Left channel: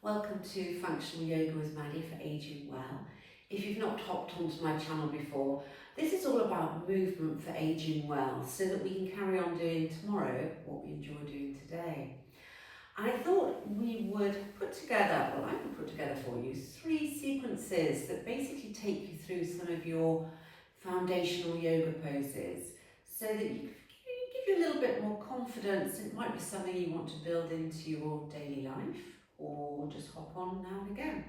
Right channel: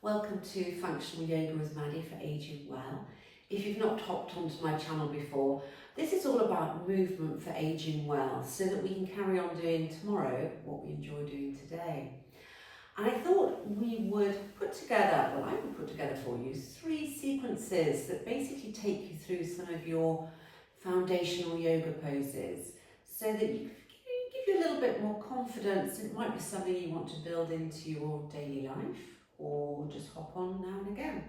Welcome to Functional Yoga with Maddie for Aging Well. If you've not hopped onto my channel before, this is all about movement for aging well so that we can carry on doing tomorrow what we enjoy doing today. And I thought we would put together, I would put together for you 3 sequences that basically take you through some of your foundational yoga poses so that you give you a little bit more confidence. It might be something you want to build into your daily life, or just hop on now and again.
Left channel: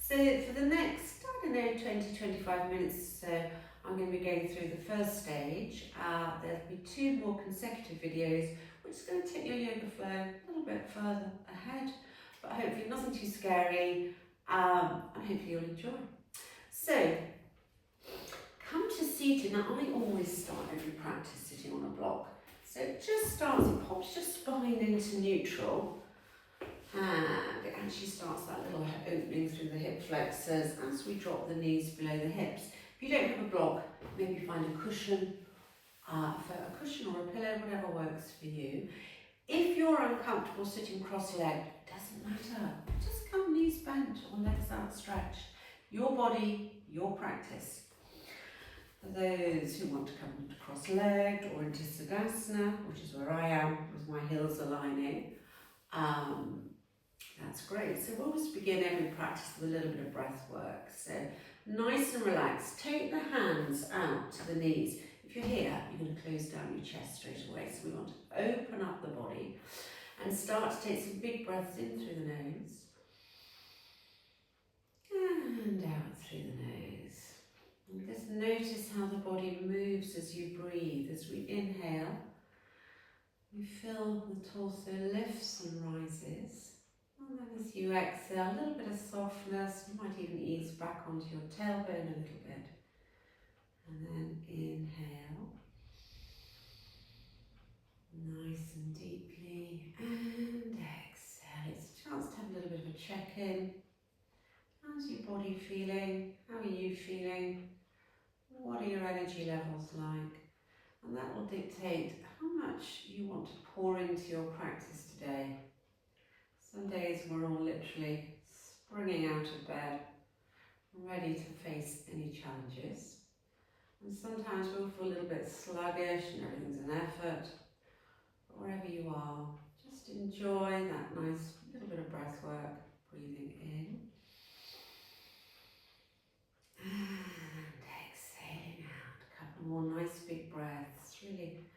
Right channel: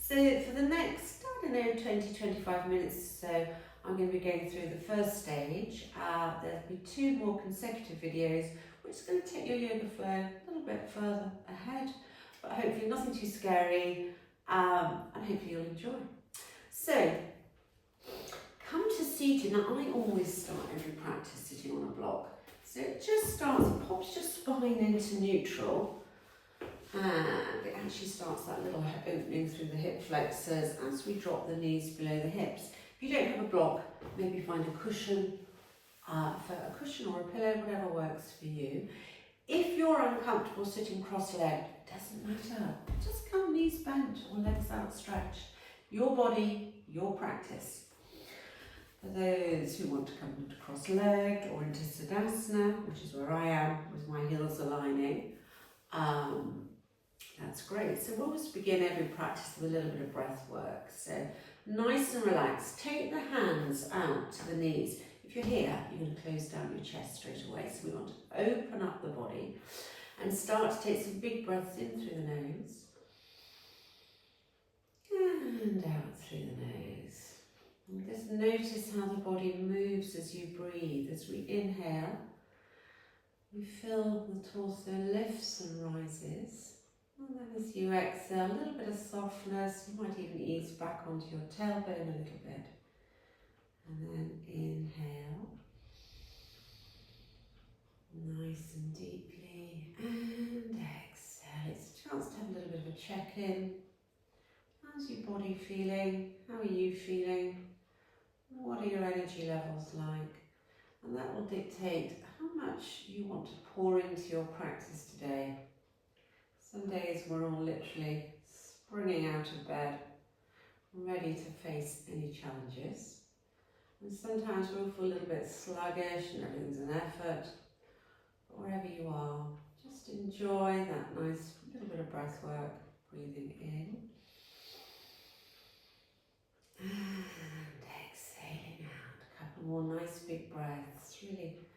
So for the next, 20-25 minutes or so, I'm going to be going through the first stage. There'll be 2 more consecutive videos, which is going to take your yoga flow a little bit further ahead, but hopefully nothing too scary, and hopefully you'll enjoy. So, come to seated. Now I always start every practice sitting on a block. So it just starts, it pops your spine into neutral, and it actually starts that little opening through the hip flexors as we drop the knees below the hips. If you don't have a block, maybe find a cushion, or a pillow, whatever works for you. If you're uncomfortable sitting cross-legged, it doesn't matter. Just come knees bent or legs outstretched. Your body, your practice. For those who want to come into cross-legged or into Siddhasana, which is where I am with my heels aligning, that's great. So we'll always begin every practice with a little bit of breath work. So nice and relaxed. Take the hands out to the knees. If you're here, you're going to close down your chest straight away. So we want to open up the body and start to take some big breaths in through the nose and out through the nose. And just notice how the body moves as you breathe. As we inhale, we feel the torso lifts and rises. And then as you exhale, a little bit of softness. You might even ease back onto your tailbone a little bit. And then inhale, nice and deeply, and exhale. It's a chance to have a little bit of a check-in. How's your body feeling? How are you feeling? What are your energy levels like? And that will dictate how much you want to pour into your practice today. Some days we're all literally springing out of bed, ready to face any challenges. And sometimes we'll feel a little bit sluggish and everything's an effort. But wherever you are, just enjoy that nice little bit of breath work, breathing in. And exhaling out. A couple more nice big breaths. Really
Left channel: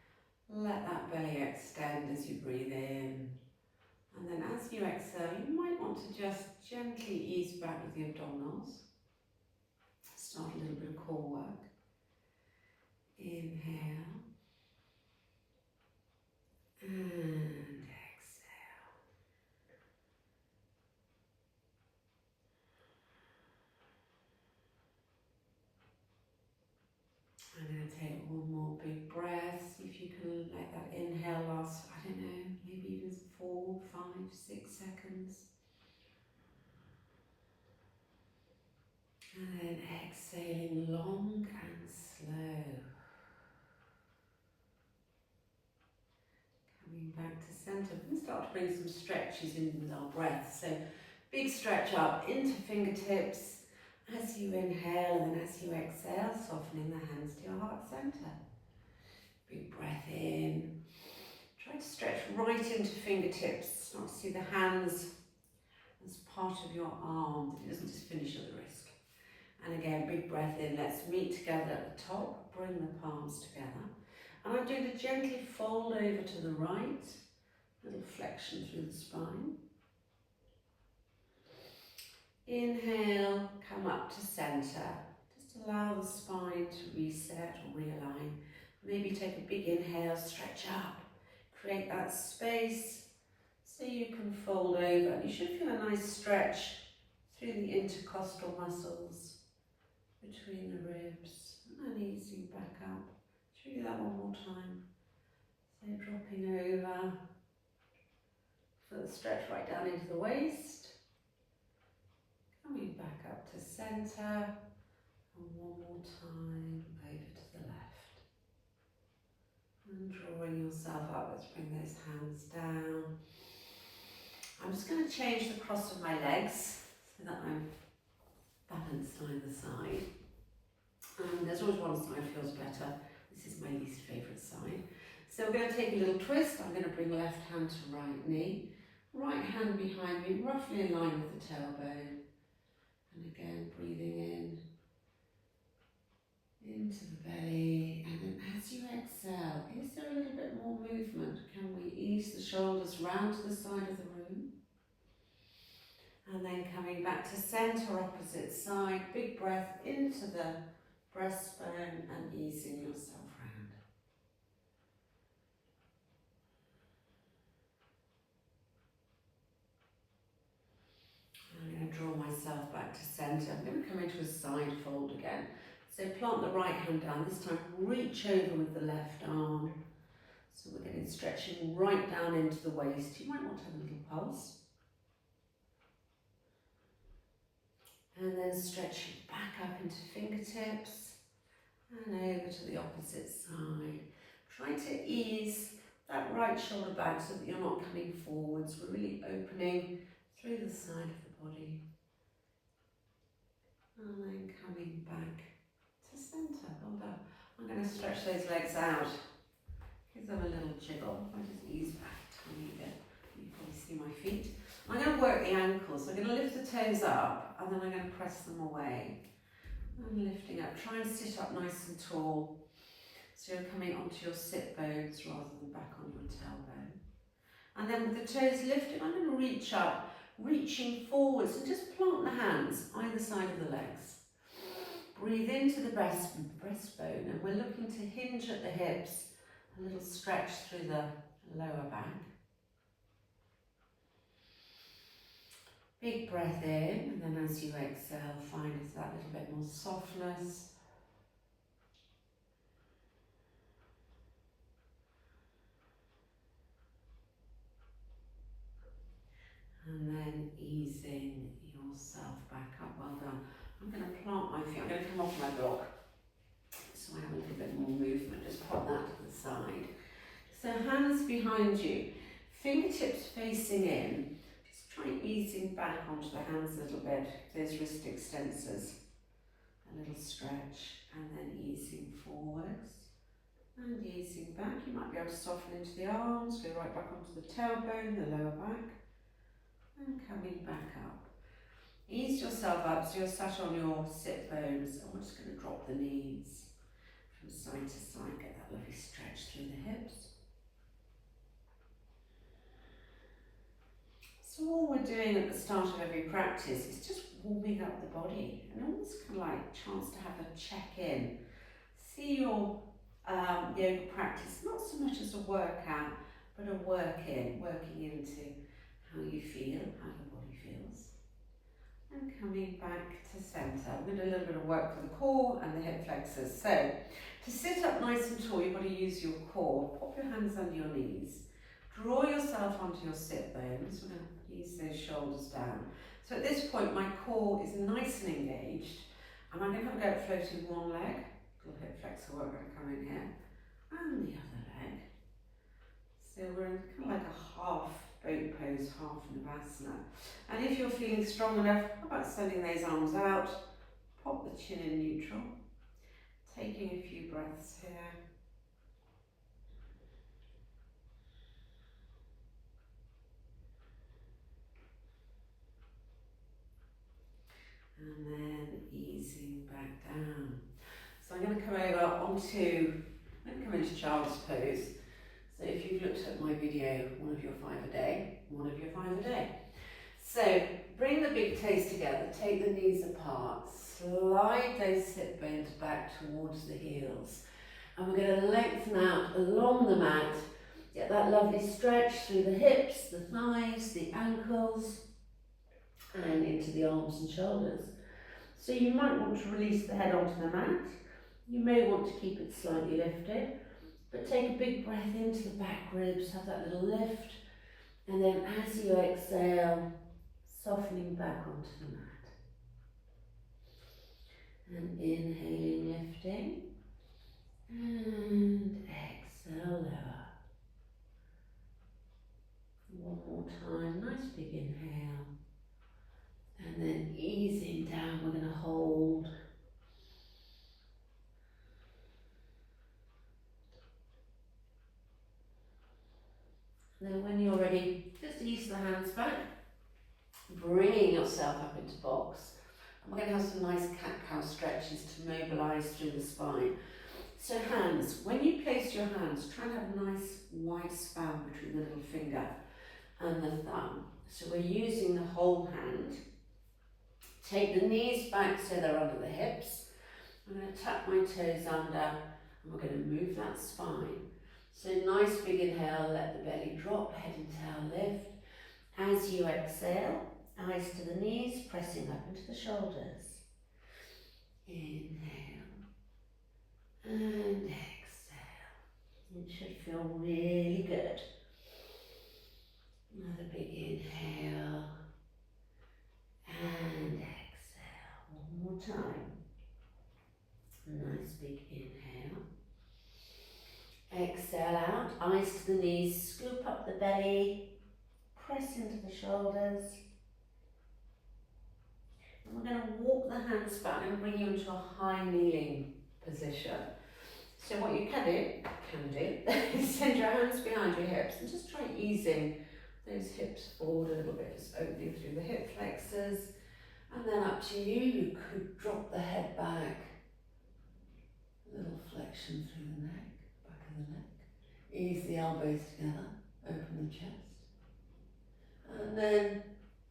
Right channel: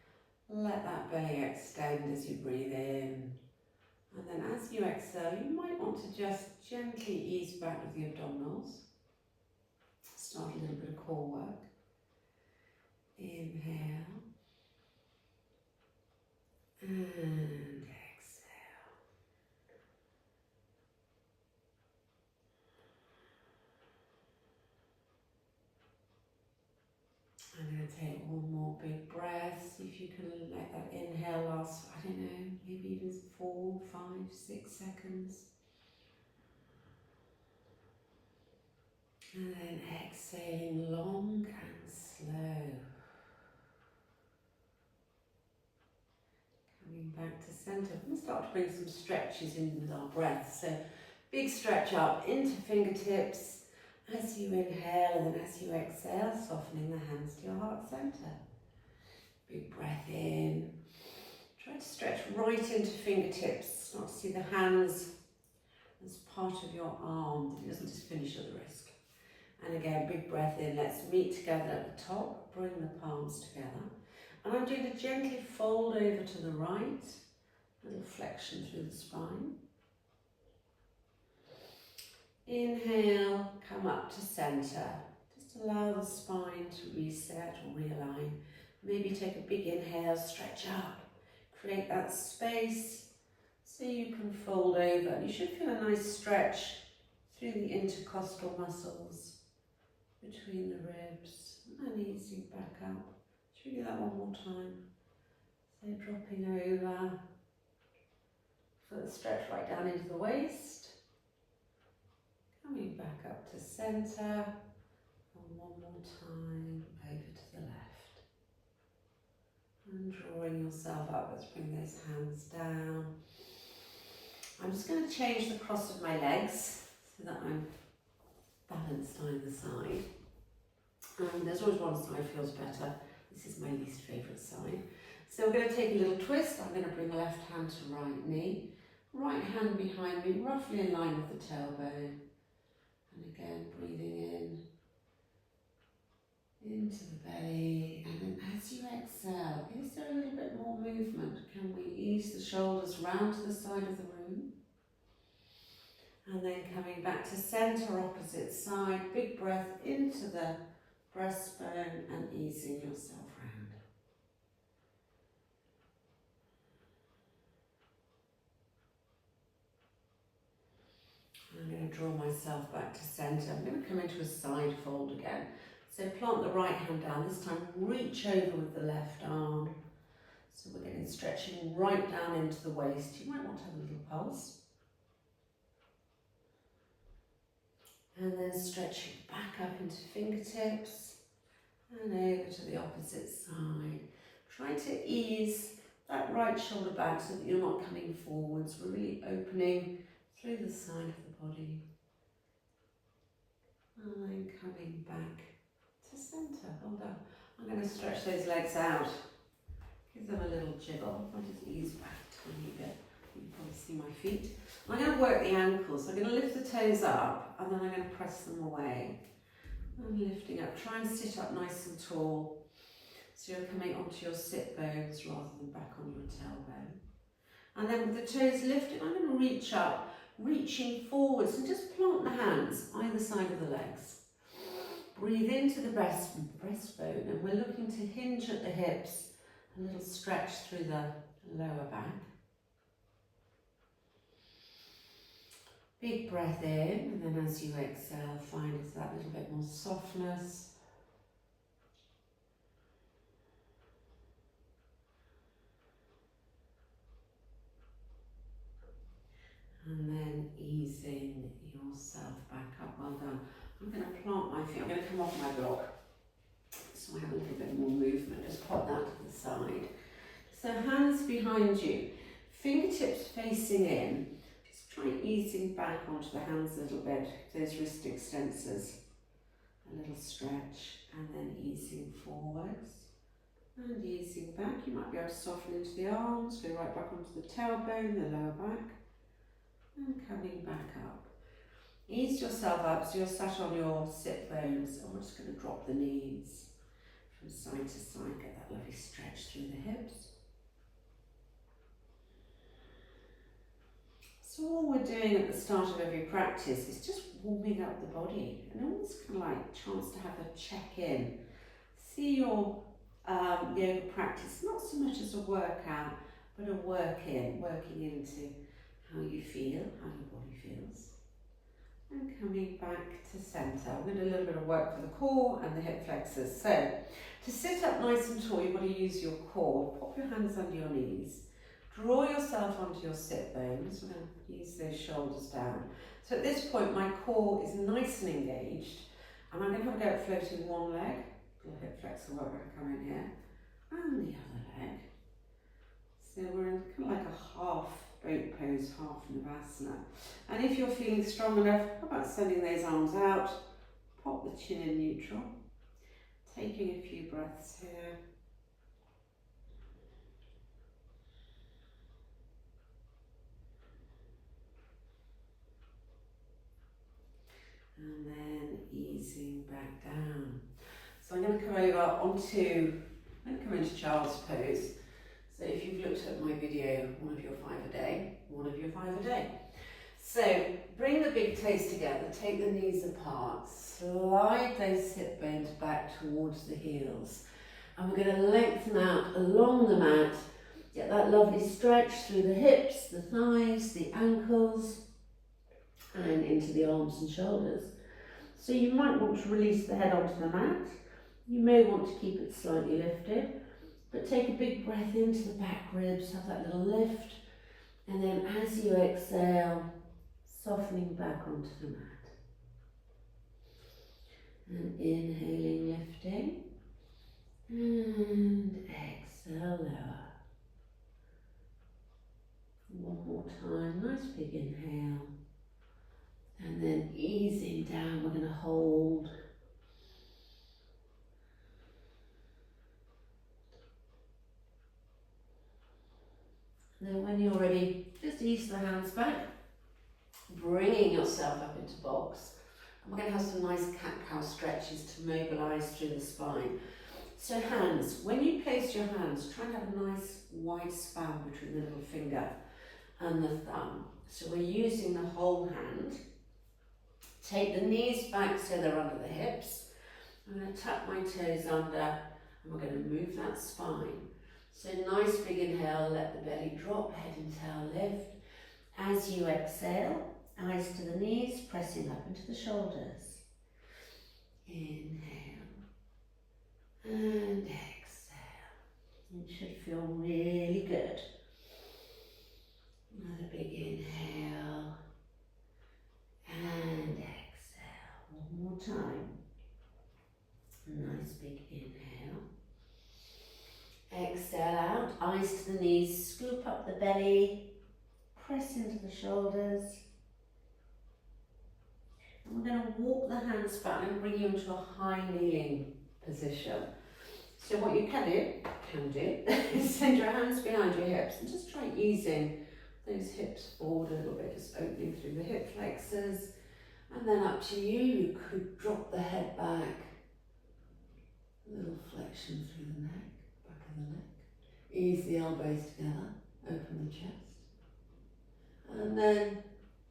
let that belly extend as you breathe in. And then as you exhale, you might want to just gently ease back with the abdominals. Start a little bit of core work. Inhale. And exhale. I'm going to take one more big breath. See if you can let that inhale last, I don't know, maybe even 4, 5, 6 seconds. And then exhaling long and slow. Coming back to centre. We're going to start to bring some stretches in with our breath. So big stretch up into fingertips. As you inhale and then as you exhale, softening the hands to your heart centre. Big breath in. Try to stretch right into fingertips. Start to see the hands as part of your arm, that it doesn't just finish at the wrist. And again, big breath in. Let's meet together at the top. Bring the palms together. And I'm going to gently fold over to the right. Little flexion through the spine. Inhale, come up to centre. Just allow the spine to reset or realign. Maybe take a big inhale, stretch up. Create that space so you can fold over. And you should feel a nice stretch through the intercostal muscles between the ribs. And easing back up. Should we do that one more time? So dropping over. Feel the stretch right down into the waist. Coming back up to centre, and one more time over to the left. And drawing yourself up, let's bring those hands down. I'm just going to change the cross of my legs so that I'm balanced either side. And there's always one side feels better. This is my least favourite side. So we're going to take a little twist. I'm going to bring left hand to right knee. Right hand behind me, roughly in line with the tailbone. And again, breathing in, into the belly. And then as you exhale, is there a little bit more movement? Can we ease the shoulders round to the side of the room? And then coming back to centre, opposite side. Big breath into the breastbone and easing yourself round. I'm going to draw myself back to centre. I'm going to come into a side fold again. So plant the right hand down. This time reach over with the left arm. So we're getting stretching right down into the waist. You might want to have a little pulse. And then stretching back up into fingertips and over to the opposite side. Trying to ease that right shoulder back so that you're not coming forwards. We're really opening through the side of the body. And then coming back to centre. Well done. I'm going to stretch those legs out. Give them a little jiggle. I'll just ease back a tiny bit. You can probably see my feet. I'm going to work the ankles. I'm going to lift the toes up and then I'm going to press them away. And lifting up. Try and sit up nice and tall. So you're coming onto your sit bones rather than back on your tailbone. And then with the toes lifted, I'm going to reach up, reaching forwards and just plant the hands either side of the legs. Breathe into the breastbone and we're looking to hinge at the hips. A little stretch through the lower back. Big breath in, and then as you exhale, find that little bit more softness. And then easing yourself back up. Well done. I'm going to plant my feet. I'm going to come off my block so I have a little bit more movement. Just pop that to the side. So hands behind you, fingertips facing in. Just try easing back onto the hands a little bit. Those wrist extensors. A little stretch and then easing forwards and easing back. You might be able to soften into the arms, go right back onto the tailbone, the lower back. And coming back up. Ease yourself up so you're sat on your sit bones and we're just going to drop the knees from side to side. Get that lovely stretch through the hips. So all we're doing at the start of every practice is just warming up the body and almost kind of like a chance to have a check-in. See your yoga practice not so much as a workout but a working into how you feel, how your body feels. And coming back to centre. We're going to do a little bit of work for the core and the hip flexors. So, to sit up nice and tall, you've got to use your core. Pop your hands under your knees. Draw yourself onto your sit bones. We're going to ease those shoulders down. So at this point, my core is nice and engaged. And I'm going to have a go at floating one leg. Little hip flexor work going to come in here. And the other leg. So we're in kind of like a half boat pose, half Navasana. And if you're feeling strong enough, how about sending those arms out, pop the chin in neutral, taking a few breaths here. And then easing back down. So I'm going to come over onto, I'm going to come into child's pose. So if you've looked at my video, one of your 5 a day, one of your 5 a day. So bring the big toes together, take the knees apart, slide those hip bones back towards the heels. And we're going to lengthen out along the mat, get that lovely stretch through the hips, the thighs, the ankles, and into the arms and shoulders. So you might want to release the head onto the mat. You may want to keep it slightly lifted. But take a big breath into the back ribs, have that little lift, and then as you exhale, softening back onto the mat. And inhaling, lifting, and exhale, lower. One more time, nice big inhale. And then easing down, we're going to hold. And then when you're ready, just ease the hands back, bringing yourself up into box. And we're going to have some nice cat-cow stretches to mobilise through the spine. So hands, when you place your hands, try and have a nice wide span between the little finger and the thumb. So we're using the whole hand. Take the knees back so they're under the hips. I'm going to tuck my toes under and we're going to move that spine. So nice big inhale, let the belly drop, head and tail lift. As you exhale, eyes to the knees, pressing up into the shoulders. Inhale and exhale. It should feel really good. Another big inhale and exhale. One more time. Nice big inhale. Exhale out, eyes to the knees, scoop up the belly, press into the shoulders. And we're going to walk the hands back and bring you into a high kneeling position. So what you can do is send your hands behind your hips and just try easing those hips forward a little bit, just opening through the hip flexors. And then up to you, you could drop the head back, a little flexion through the neck. Back of the neck. Ease the elbows together, open the chest. And then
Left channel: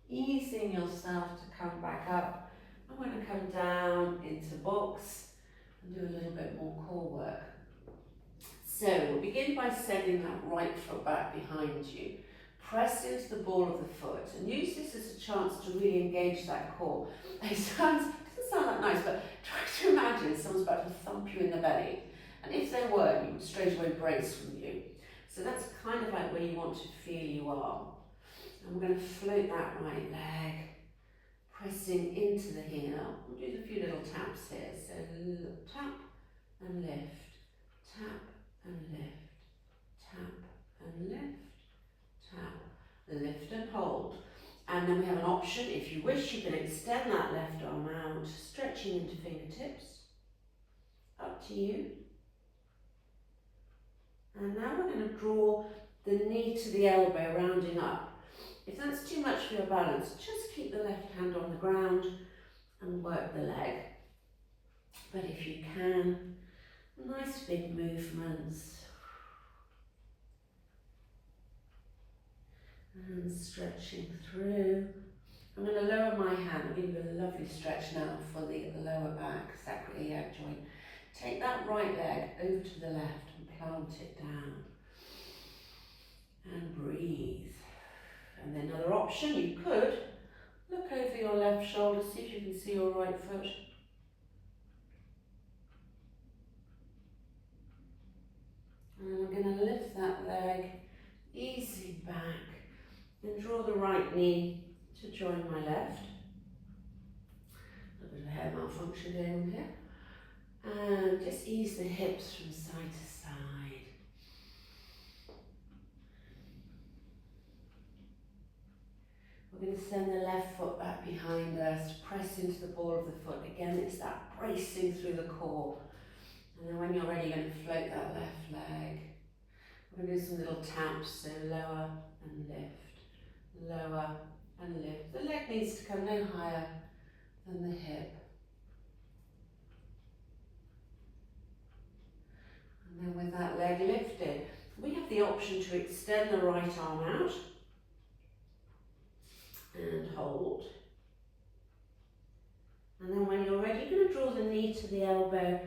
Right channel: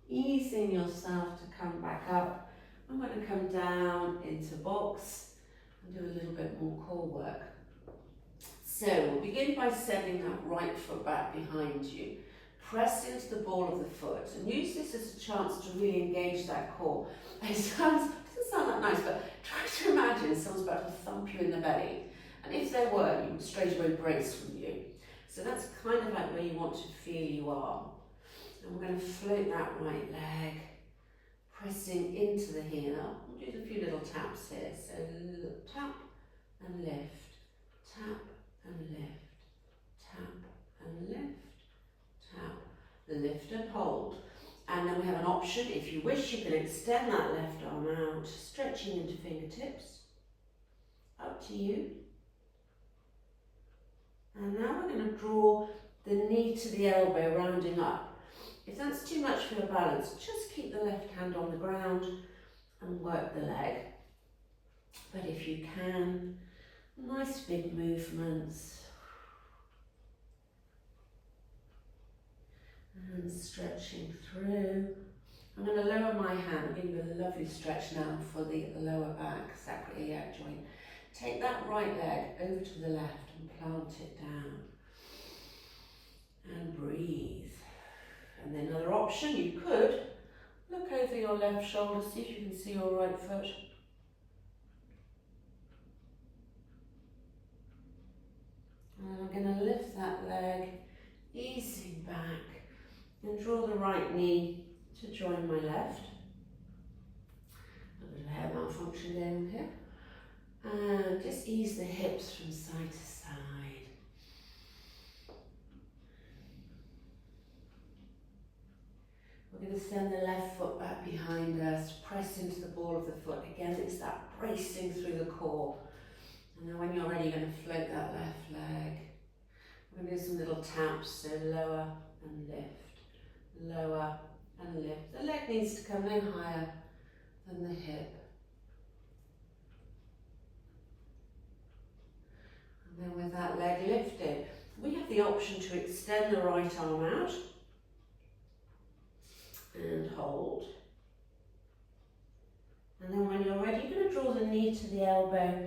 easing yourself to come back up. I'm going to come down into box and do a little bit more core work. So we'll begin by sending that right foot back behind you. Press into the ball of the foot and use this as a chance to really engage that core. It doesn't sound that nice, but try to imagine someone's about to thump you in the belly. And if they were, you would straight away brace from you. So that's kind of like where you want to feel you are. And we're going to float that right leg, pressing into the heel. We'll do a few little taps here. So tap and lift, tap and lift, tap and lift, tap, lift and hold. And then we have an option. If you wish, you can extend that left arm out, stretching into fingertips. Up to you. And now we're going to draw the knee to the elbow, rounding up. If that's too much for your balance, just keep the left hand on the ground and work the leg. But if you can, nice big movements. And stretching through. I'm going to lower my hand. I'll give you a lovely stretch now for the lower back, sacroiliac joint. Take that right leg over to the left and plant it down. And breathe. And then another option, you could look over your left shoulder, see if you can see your right foot. And I'm going to lift that leg, easing back, and draw the right knee to join my left. A bit of hair malfunction going on here. And just ease the hips from side to side. We're going to send the left foot back behind us, press into the ball of the foot. Again, it's that bracing through the core. And then when you're ready, you're going to float that left leg. We're going to do some little taps, so lower and lift, lower and lift. The leg needs to come no higher than the hip. And then with that leg lifted, we have the option to extend the right arm out and hold. And then when you're ready, you're going to draw the knee to the elbow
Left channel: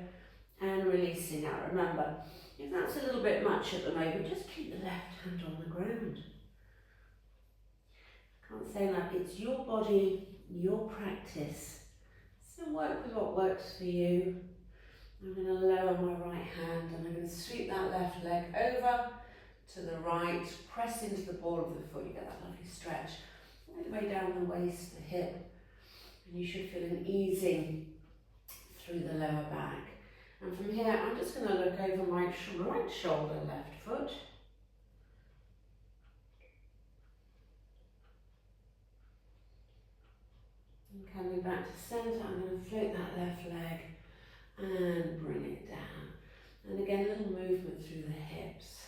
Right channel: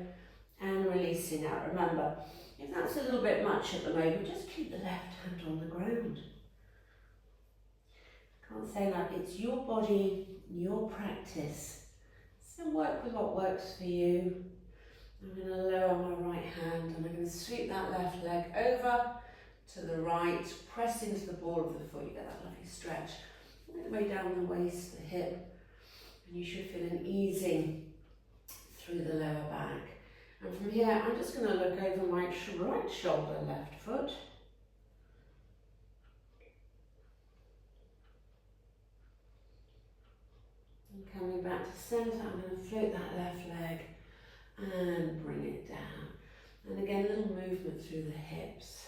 and releasing out. Remember, if that's a little bit much at the moment, just keep the left hand on the ground. I can't say that. It's your body, your practice. So work with what works for you. I'm going to lower my right hand and I'm going to sweep that left leg over to the right, press into the ball of the foot. You get that lovely stretch all the way down the waist, the hip, and you should feel an easing through the lower back. And from here, I'm just going to look over my right shoulder, left foot. And coming back to centre, I'm going to float that left leg and bring it down. And again, a little movement through the hips.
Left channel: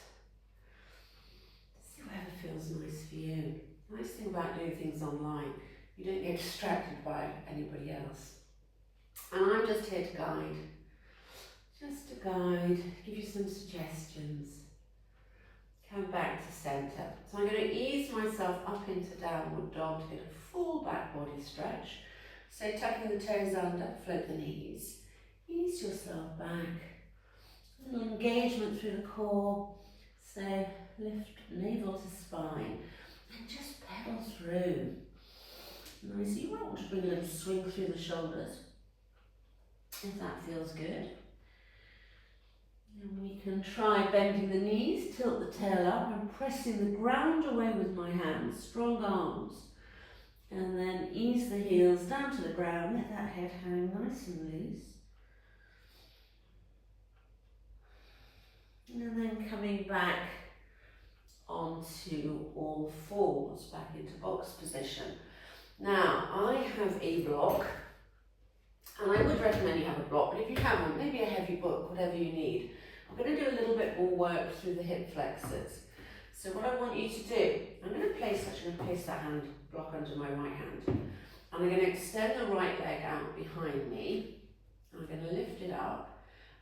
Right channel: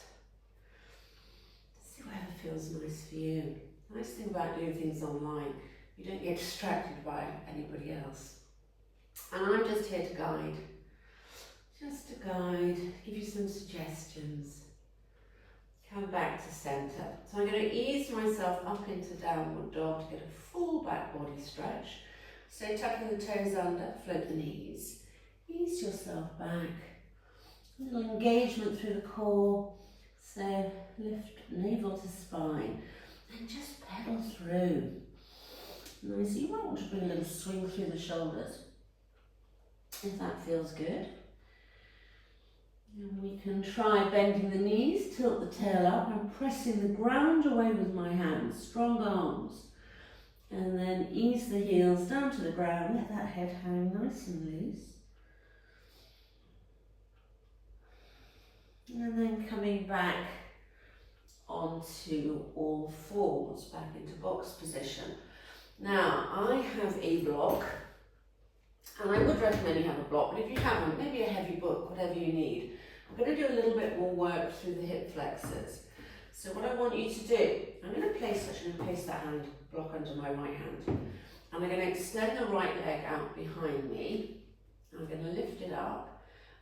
See whatever feels nice for you. Nice thing about doing things online, you don't get distracted by anybody else. And I'm just here to guide. Just to guide, give you some suggestions. Come back to centre. So I'm going to ease myself up into downward dog to get a full back body stretch. So tucking the toes under, float the knees. Ease yourself back. A little engagement through the core. So lift navel to spine and just pedal through. Nice. You might want to bring a little swing through the shoulders if that feels good. And we can try bending the knees, tilt the tail up and pressing the ground away with my hands, strong arms. And then ease the heels down to the ground, let that head hang nice and loose. And then coming back onto all fours, back into box position. Now, I have a block, and I would recommend you have a block, but if you haven't, maybe a heavy book, whatever you need. I'm going to do a little bit more work through the hip flexors. So what I want you to do, I'm going to place that hand block under my right hand. And I'm going to extend the right leg out behind me. I'm going to lift it up.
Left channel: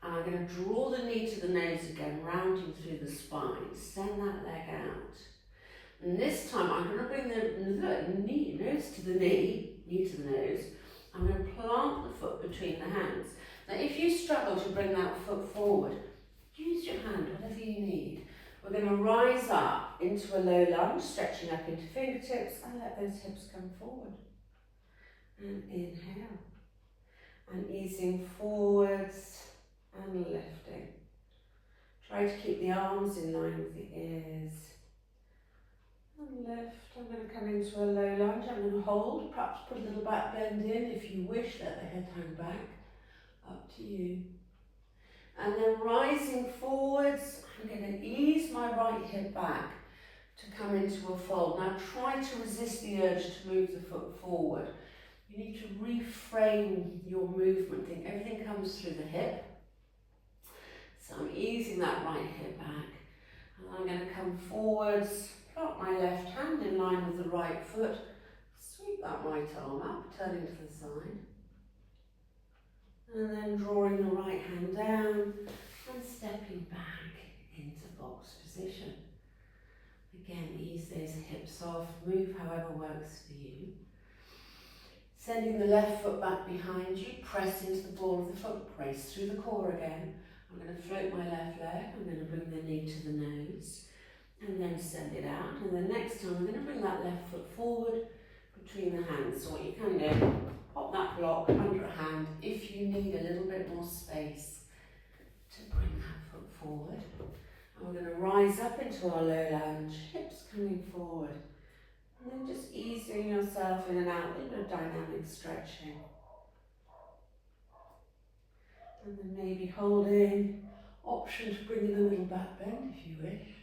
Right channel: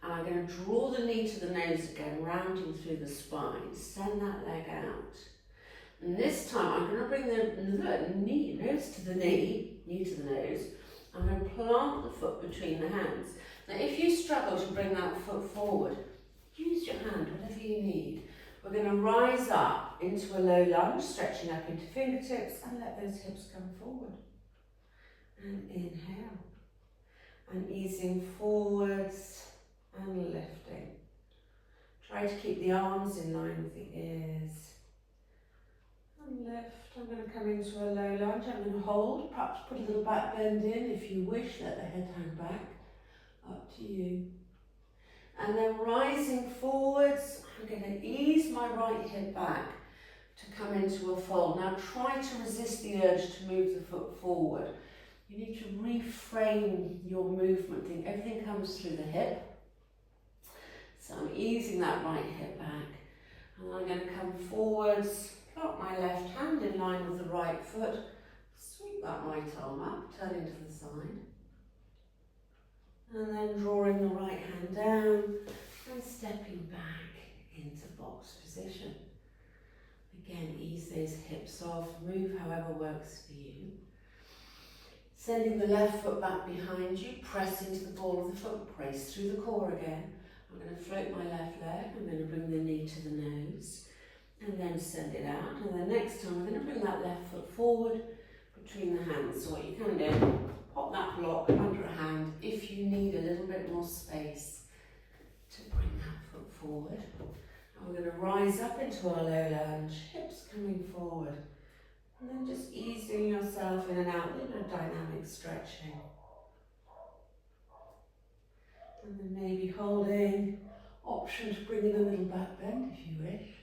And I'm going to draw the knee to the nose again, rounding through the spine. Send that leg out. And this time I'm going to bring the nose to the knee to the nose. I'm going to plant the foot between the hands. Now if you struggle to bring that foot forward, use your hand, whatever you need. We're going to rise up into a low lunge, stretching up into fingertips and let those hips come forward. And inhale. And easing forwards and lifting. Try to keep the arms in line with the ears. And lift. I'm going to come into a low lunge. I'm going to hold, perhaps put a little back bend in if you wish. Let the head hang back. Up to you. And then rising forwards, I'm going to ease my right hip back to come into a fold. Now try to resist the urge to move the foot forward. You need to reframe your movement. Think everything comes through the hip. So I'm easing that right hip back. And I'm going to come forwards, plant my left hand in line with the right foot, sweep that right arm up, turning to the side. And then drawing the right hand down and stepping back into box position. Again, ease those hips off, move however works for you. Sending the left foot back behind you, press into the ball of the foot, brace through the core again. I'm going to float my left leg, I'm going to bring the knee to the nose and then send it out. And then next time I'm going to bring that left foot forward between the hands. So what you can do, pop that block under a hand if you need a little bit more space to bring that foot forward. And we're going to rise up into our low lunge, hips coming forward. And then just easing yourself in and out, a little bit of dynamic stretching. And then maybe holding, option to bring in a little back bend if you wish.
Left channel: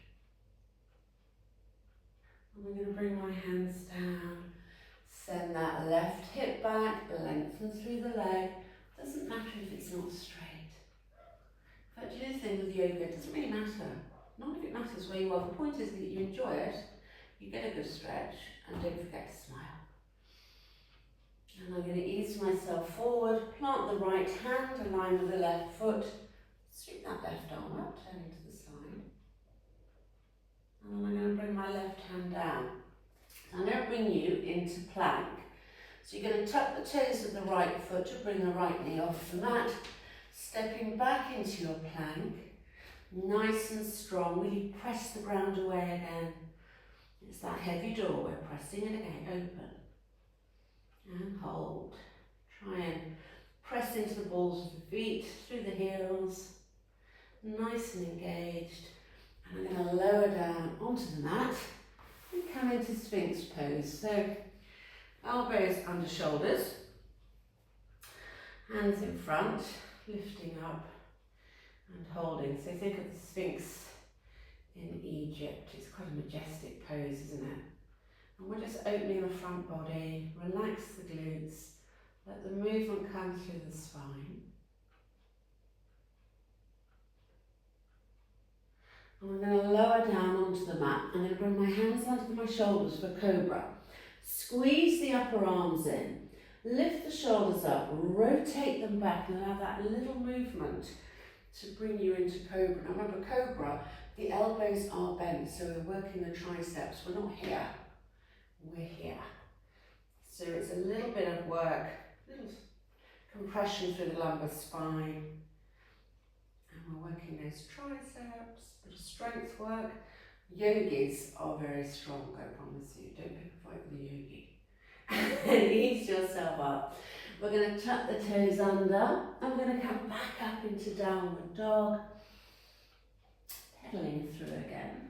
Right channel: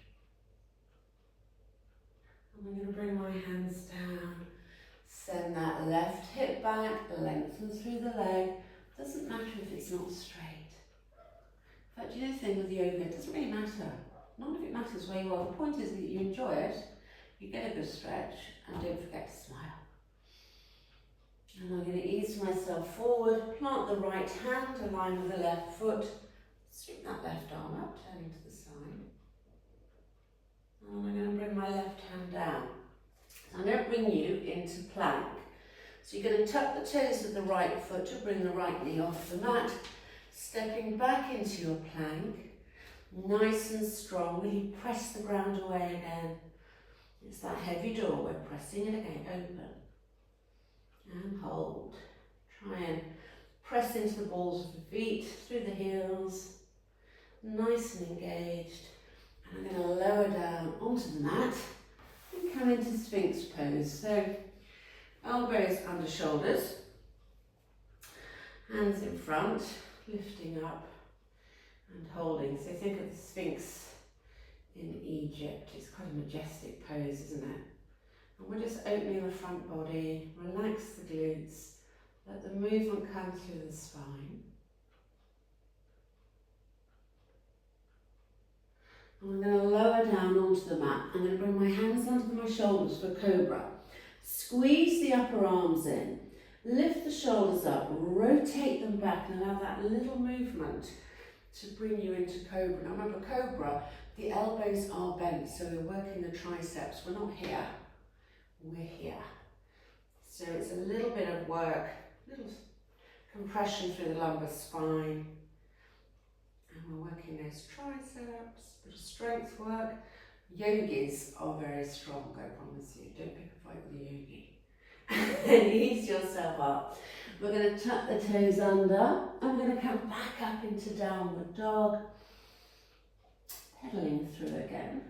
And I'm going to bring my hands down, send that left hip back, lengthen through the leg. Doesn't matter if it's not straight. In fact, you know the thing with yoga, it doesn't really matter. Not if it matters where you are. The point is that you enjoy it, you get a good stretch, and don't forget to smile. And I'm going to ease myself forward, plant the right hand, align with the left foot, sweep that left arm up, turning to the side. And I'm going to bring my left hand down. I'm going to bring you into plank. So you're going to tuck the toes of the right foot to bring the right knee off the mat, stepping back into your plank, nice and strong, really press the ground away again. It's that heavy door, we're pressing it again, open. And hold. Try and press into the balls of the feet, through the heels, nice and engaged. And I'm going to lower down onto the mat and come into Sphinx pose. So elbows under shoulders, hands in front, lifting up and holding. So think of the Sphinx in Egypt. It's quite a majestic pose, isn't it? And we're just opening the front body, relax the glutes, Let the movement come through the spine. I'm going to lower down onto the mat. I'm going to bring my hands under my shoulders for cobra. Squeeze the upper arms in. Lift the shoulders up, rotate them back and allow that little movement to bring you into cobra. Now remember, cobra, the elbows are bent, so we're working the triceps. We're not here, we're here. So it's a little bit of work, little compression through the lumbar spine. And we're working those triceps, bit of strength work. Yogis are very strong, I promise you. Don't pick a fight with a yogi. And ease yourself up. We're going to tuck the toes under and we're going to come back up into downward dog. Pedaling through again.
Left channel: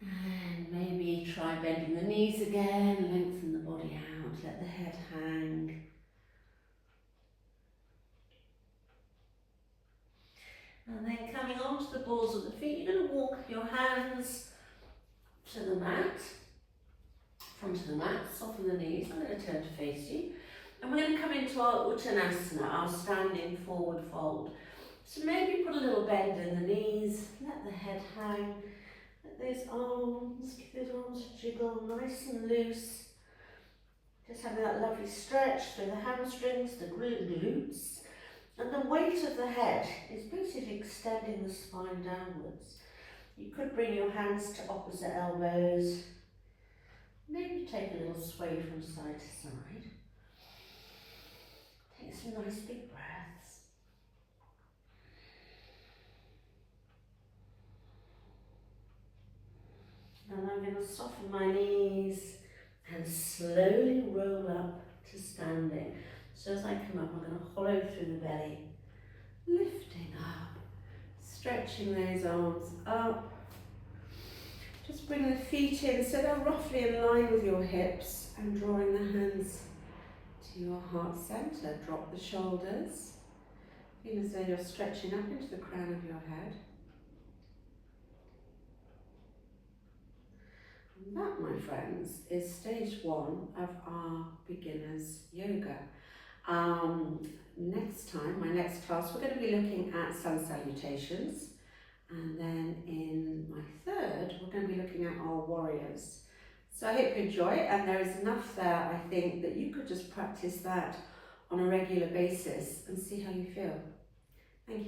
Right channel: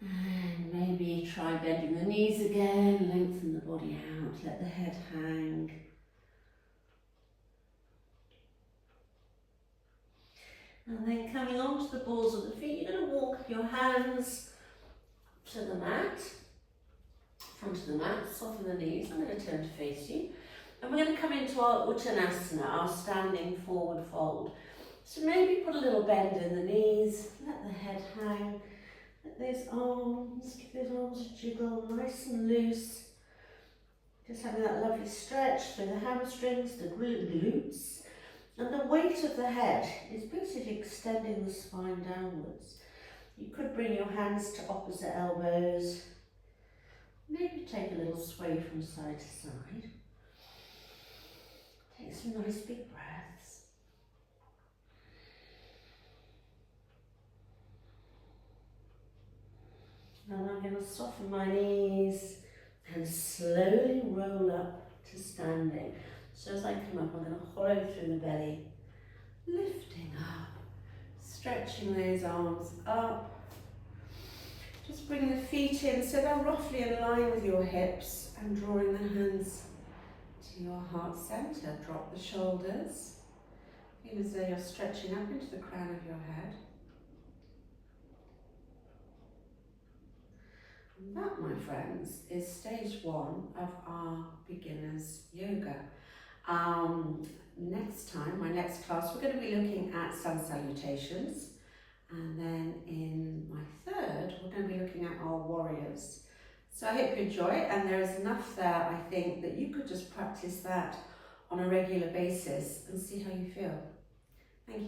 And maybe try bending the knees again, lengthen the body out, let the head hang. And then coming onto the balls of the feet, you're going to walk your hands to the mat, front of the mat, soften the knees. I'm going to turn to face you. And we're going to come into our Uttanasana, our standing forward fold. So maybe put a little bend in the knees, let the head hang, let those arms, give those arms a jiggle, nice and loose. Just having that lovely stretch through the hamstrings, the glutes. And the weight of the head is basically extending the spine downwards. You could bring your hands to opposite elbows. Maybe take a little sway from side to side. Take some nice big breaths. And I'm going to soften my knees and slowly roll up to standing. So as I come up, I'm going to hollow through the belly, lifting up, stretching those arms up. Just bring the feet in so they're roughly in line with your hips and drawing the hands to your heart center. Drop the shoulders. Feel as though you're stretching up into the crown of your head. And that, my friends, is stage 1 of our beginners yoga. Next time, my next class, we're going to be looking at sun salutations. And then in my third, we're going to be looking at our warriors. So I hope you enjoy it, and there is enough there, I think, that you could just practice that on a regular basis and see how you feel.